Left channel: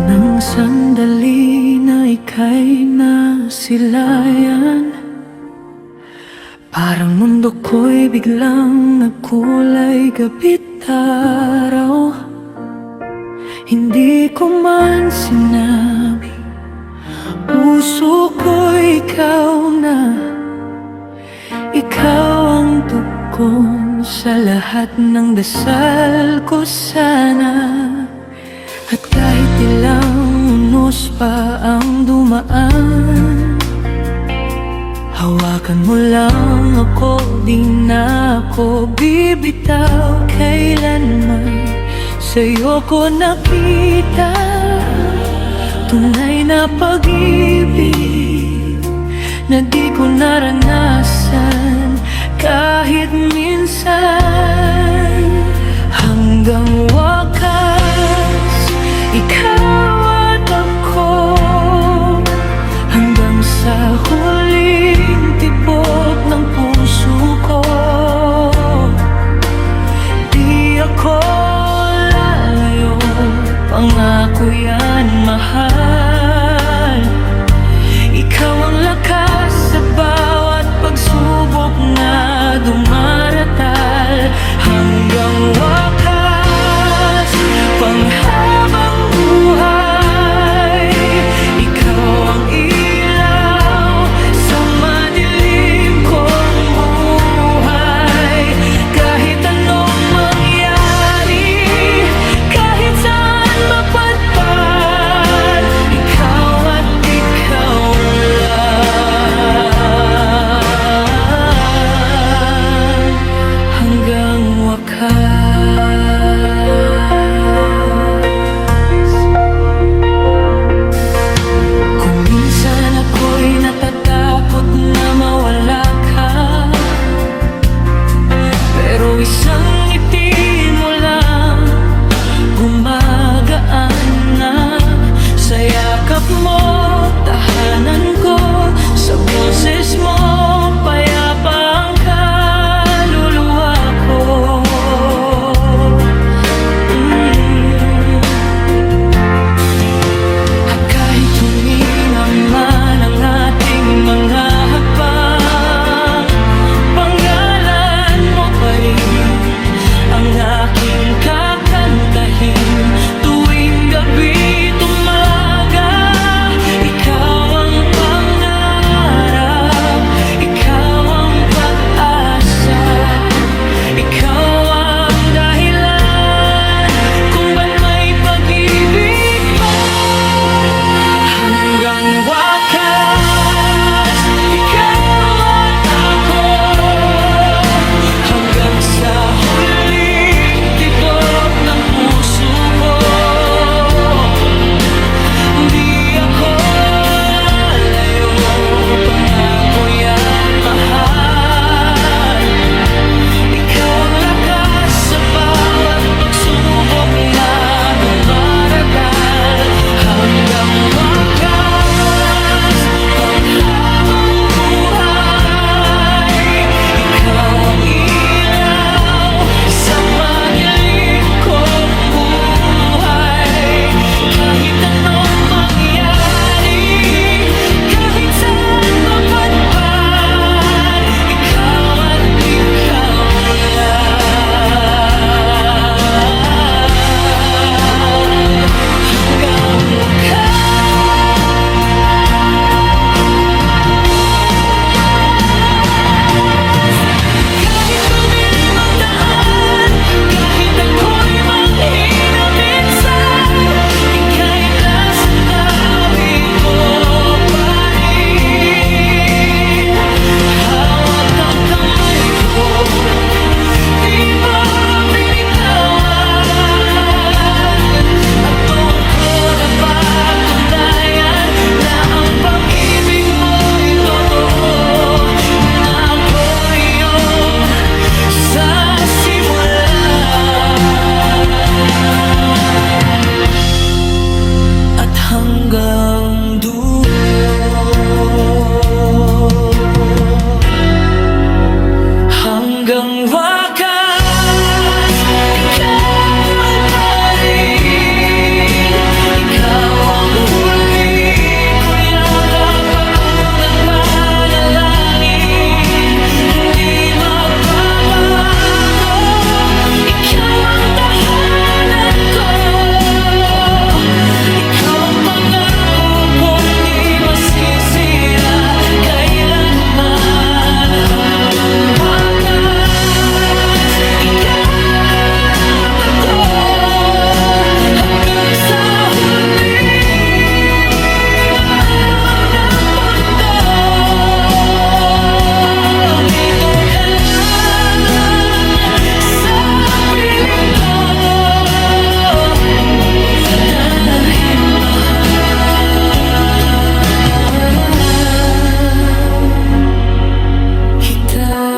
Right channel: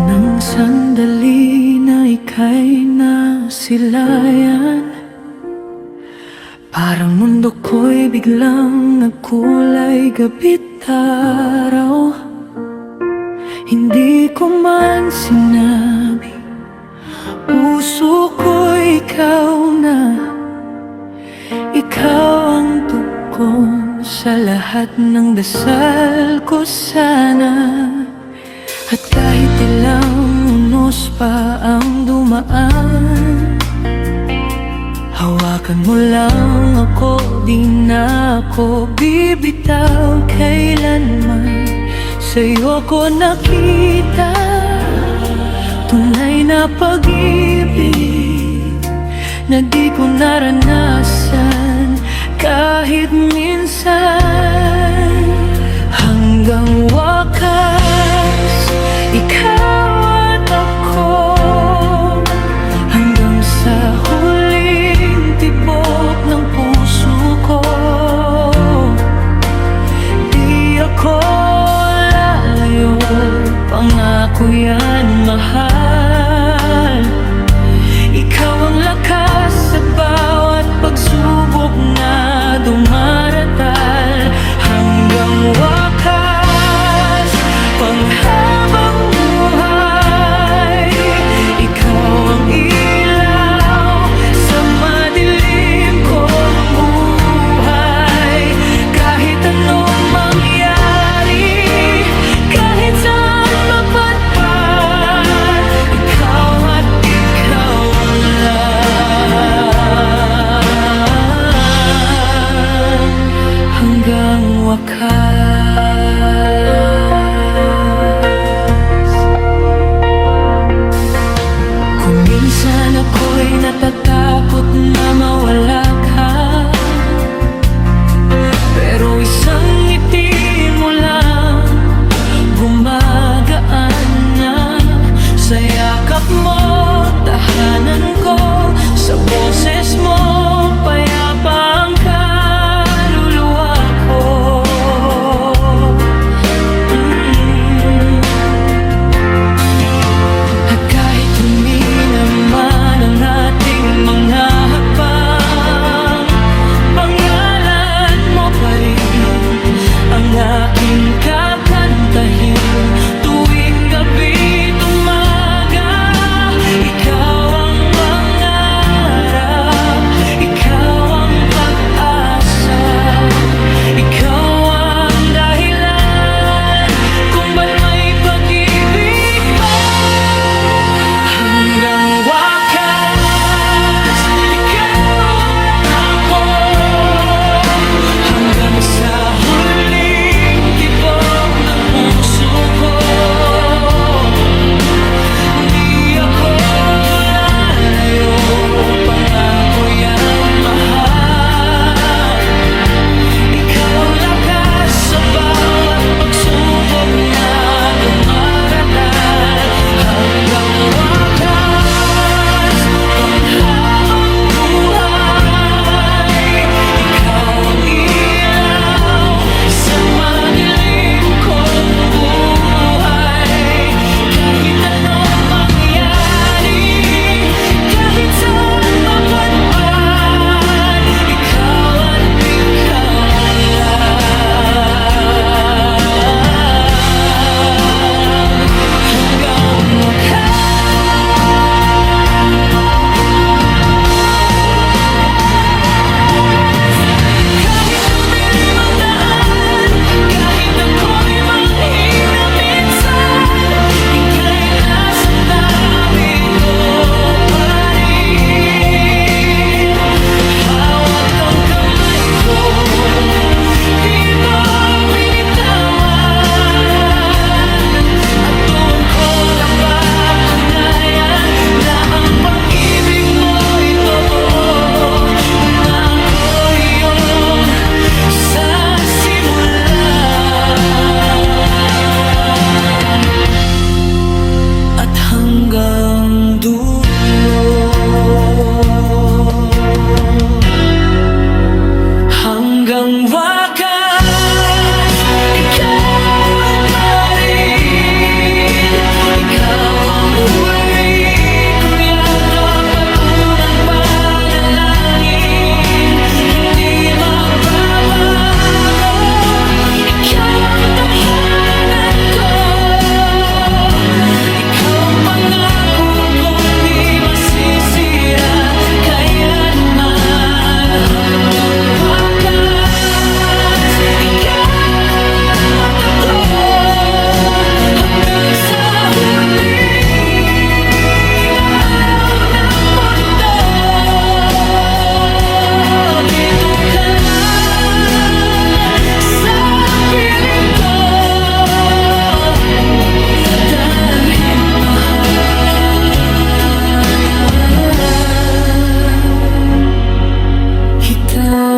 unang sandali na ika'y nasilayan, parang mundo ko'y biglang nagkulay gabi't araw. Hindi ko man sinabi, puso ko'y ikaw na. Ikaw ang tugon sa lahat ng dasal ko sana. At kahit ilang unos pa ang dumaan, hawakan mo lang ako, di na ako bibitaw kailanman. Sa'yo ko nakita tunay na pag-ibig na di ko naranasan kahit minsan. Hanggang wakas, ikaw at ako, hanggang sa huling tibok ng puso ko. Di ako lalayo, pangako yan mahal. Ikaw ang lakas sa bawat pagsubok na dumaratal. Hanggang wakas, panghabang buhay, ikaw ang ilaw sa madilim kong buhay. Kahit anong mangyari, kahit saan mapadpad, ikaw at ikaw lang. Hanggang wakas. Kung minsan ako'y natatakot na mawala ka, pero isang ngiti mo lang gumagaan na. Sa yakap mo, tahanan ko, sa boses mo, payapa ang kaluluwa ko. At kahit humina man ang ating mga hakbang, pangalan mo pa rin ang aking kakantahin tuwing gabi tumaga. Ikaw ang pangarap, ikaw ang pag-asa, ikaw ang dahilan kung ba't may pag-ibig pa. Hanggang wakas, ikaw at ako, hanggang sa huling tibok ng puso ko. Di ako lalayo, pangako yan mahal. Ikaw ang lakas sa bawat pagsubok na dumaratal. Hanggang wakas, panghabang buhay, ikaw ang ilaw sa madilim kong buhay. Kahit anong mangyari, kahit saan mapadpad, ikaw at ikaw lang. Hanggang wakas. Kahit tumilim ang daan, kahit ako'y manghina minsan, ika'y nasa tabi ko pa rin. Hawak ang kamay ko, di mo binitawan. At doon ko napatunayan na ang pag-ibig mo'y totoo, na ako iyong sa simula at hanggang dulo. Hanggang wakas, ikaw pa rin, ikaw kita